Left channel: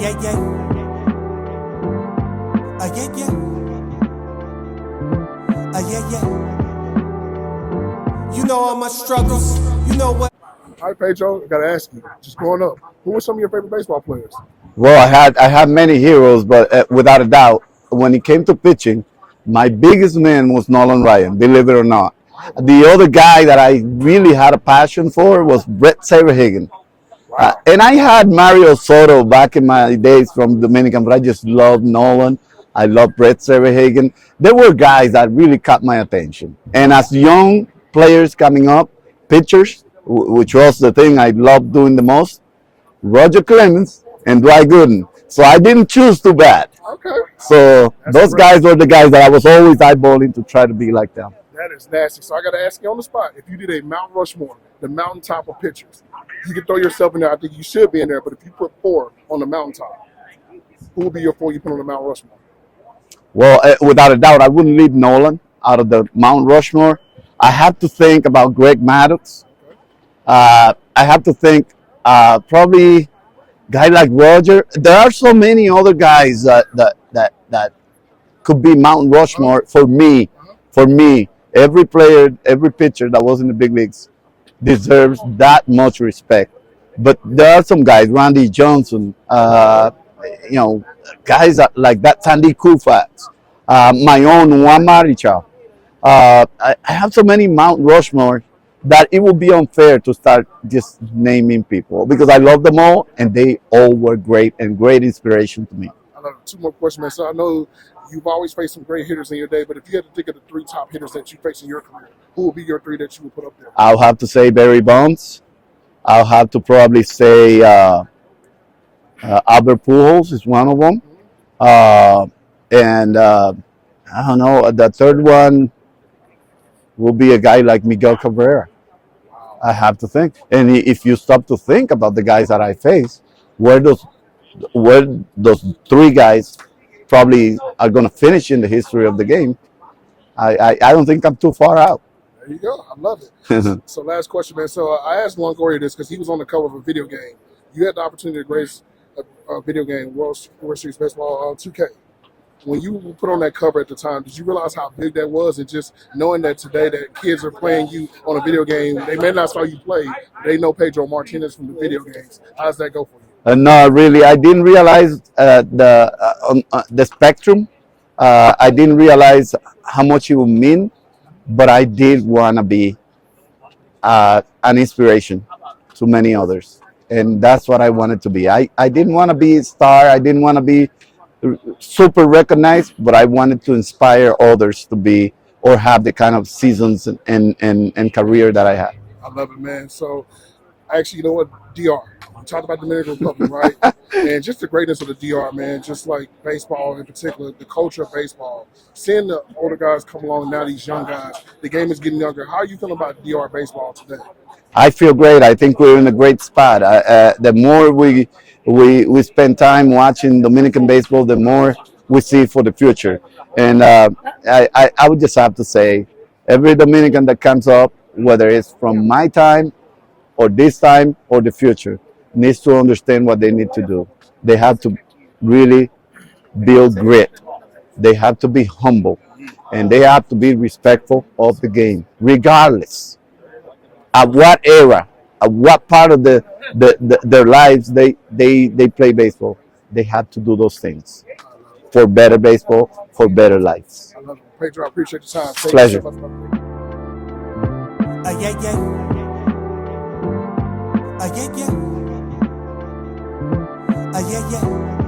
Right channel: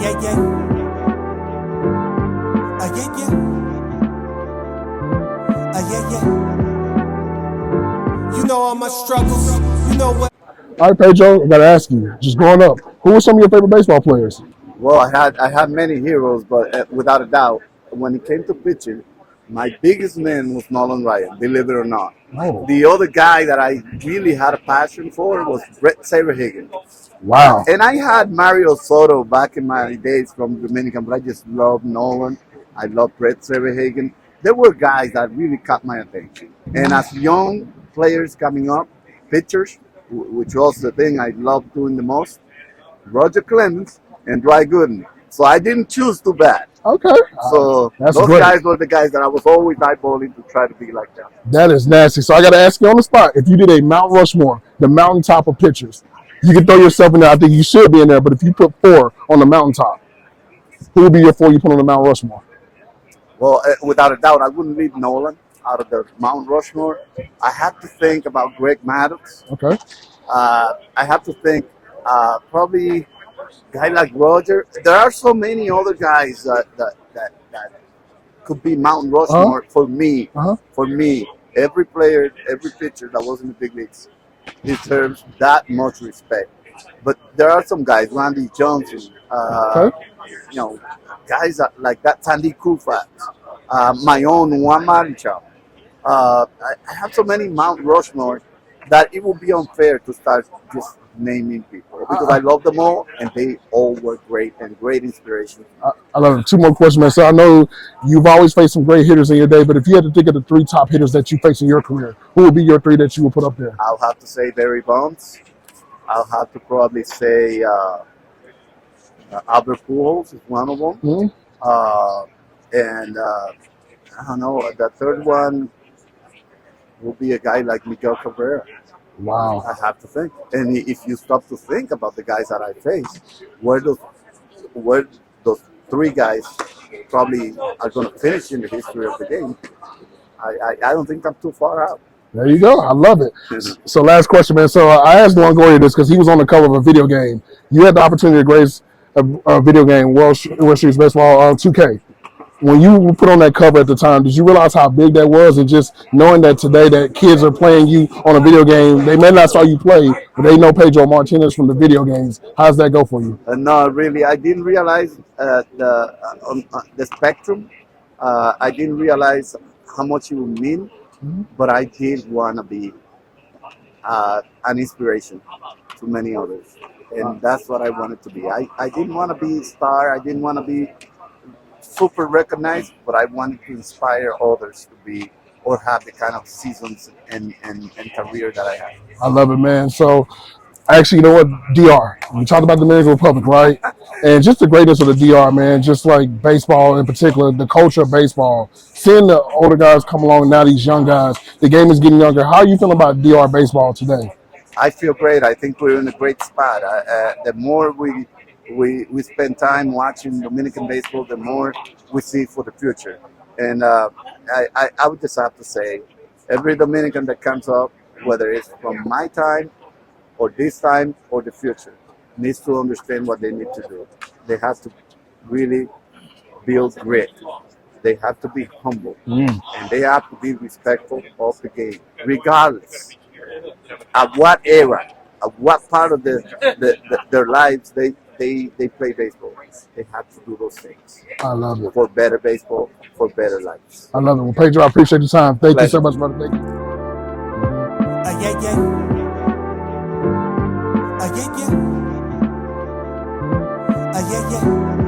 yeah, yeah. Yeah, yeah. Yeah, yeah. You know all my struggles. You know what? All right, Pedro, I got to ask you, just growing up, who were some of your favorite baseball players? Well, I had many heroes, but without a doubt, when it came to pitching, my biggest man was Nolan Ryan. Believe it or not, Oh, the other guy that I really had a passion for was Brett Saberhagen. wow. And I had Mario Soto back in my days from Dominican, but I just loved Nolan. I love Brett Saberhagen. There were guys that really caught my attention. And as young players coming up, pitchers, which was the thing I loved doing the most, Roger Clemens and Dwight Gooden. So I didn't choose too bad. Okay. So That's those great. guys were the guys that I was always eyeballing to try to be like them. That is nasty. So I got to ask you on the spot, if you did a Mount Rushmore, the mountaintop of pitchers, you can throw yourself in there. I think you should be in there, but if you put 4 on the mountaintop, who would be your 4 you put on the Mount Rushmore? Well, without a doubt, I wouldn't leave Nolan out of the Mount Rushmore. I have to think about Greg Maddux. Okay. I have to think probably guy like Roger. There are so many other guys that could be Mount Rushmore for me. For me, every player, every pitcher that was in the big leagues deserves that much respect. But there are some guys, Randy Johnson, you know, guys like that, Sandy Koufax, my own Juan Marichal. I have so many Mount Rushmore that it would be unfair to start just naming people because I love them all and they all were great and great inspiration to me. I love it. 2 more questions, man. So I know you've always faced some great hitters in your day, but if you had to think of the 3 top hitters that you faced in your career, who would be your 3 that you would put up there? I'll have to say Barry Bonds. I'll have to probably say Albert Pujols is one of them. And I don't know, the third one will be a guy like Miguel Cabrera. Wow. I have to think. And if you stop to think about the guys that I faced, where those 3 guys probably are going to finish in the history of the game, I don't think I'm too far out. There you go. I love it. So last question, man. So I asked Longoria this because he was on the cover of a video game. You had the opportunity to grace a video game, World Series Baseball 2K. When you put on that cover at the time, did you realize how big that was? And just knowing that today that kids are playing you on a video game, they may not saw you play, but they know Pedro Martinez from the video games. How does that go for you? No, really, I didn't realize the spectrum. I didn't realize how much it would mean, but I did want to be an inspiration to many others. And that's what I wanted to be. I didn't want to be a star. I didn't want to be super recognized, but I wanted to inspire others to be or have the kind of seasons and career that I had. I love it, man. So actually, you know what, DR, we talked about the Dominican Republic, right? And just the greatness of the DR, man, just like baseball in particular, the culture of baseball, seeing the older guys come along, now these young guys, the game is getting younger. How are you feeling about DR baseball today? I feel great. I think we're in a great spot. The more we spend time watching Dominican baseball, the more we see for the future. And I would just have to say, every Dominican that comes up, whether it's from my time or this time or the future, needs to understand what they need to do. They have to really build grit. They have to be humble, and they have to be respectful of the game, regardless at what era, at what part of their lives they play baseball. They have to do those things. I love it. For better baseball, for better lives. I love it. Well, Pedro, I appreciate your time. Thank you so much, brother. Thank you. Yeah, yeah. Yeah, yeah. Yeah, yeah.